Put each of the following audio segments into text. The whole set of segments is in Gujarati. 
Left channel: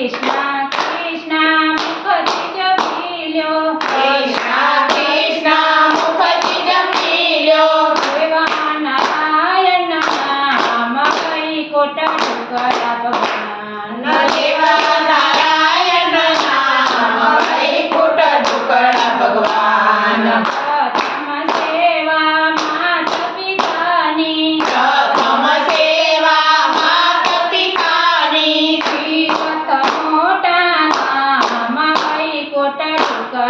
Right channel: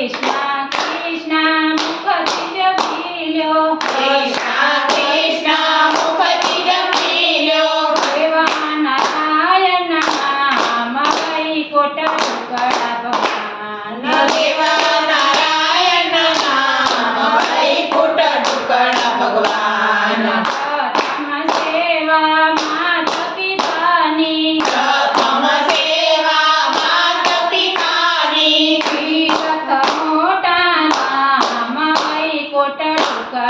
કૃષ્ણ કૃષ્ણ મુખથી જપી લ્યો કૃષ્ણ કૃષ્ણ મુખથી જપી લ્યો દેવા નારાયણ નામ કઈ કોટા કરા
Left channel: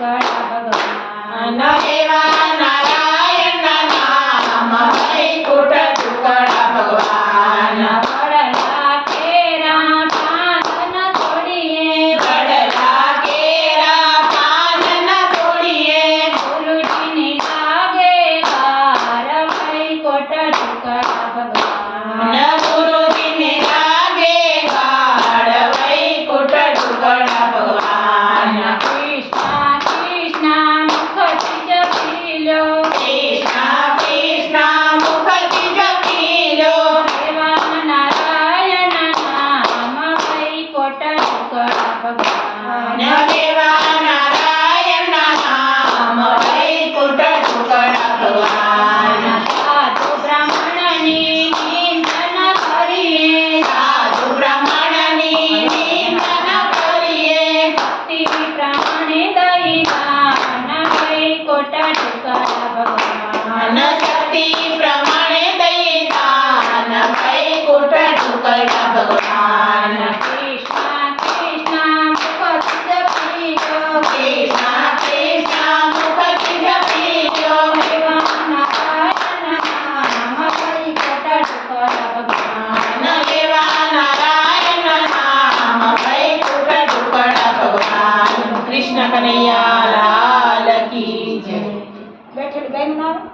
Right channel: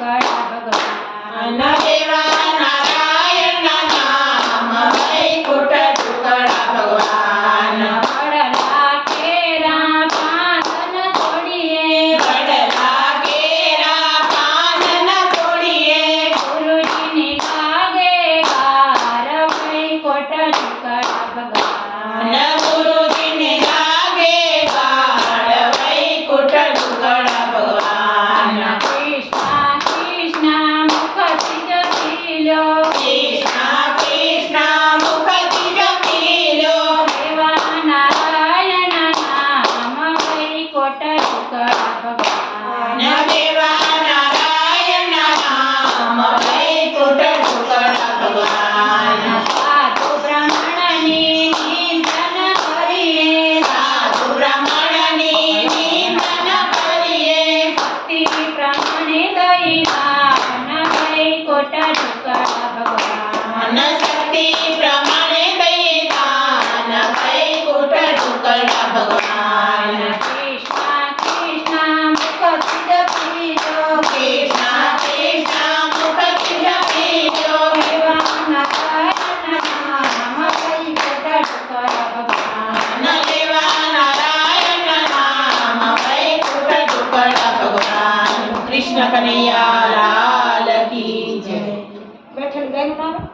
I know. Bye. શંકર ભગવાન દેવા નારાયણ નામ વૈકુંઠ શુકર કરીએ સાધુ બ્રાહ્મણની નિંદન કરીએ ભક્તિ પ્રમાણે દૈવા ભગવાન શક્તિ કૃષ્ણ કનૈયા લાલ કી જય. બેઠેલું ગાયું નામ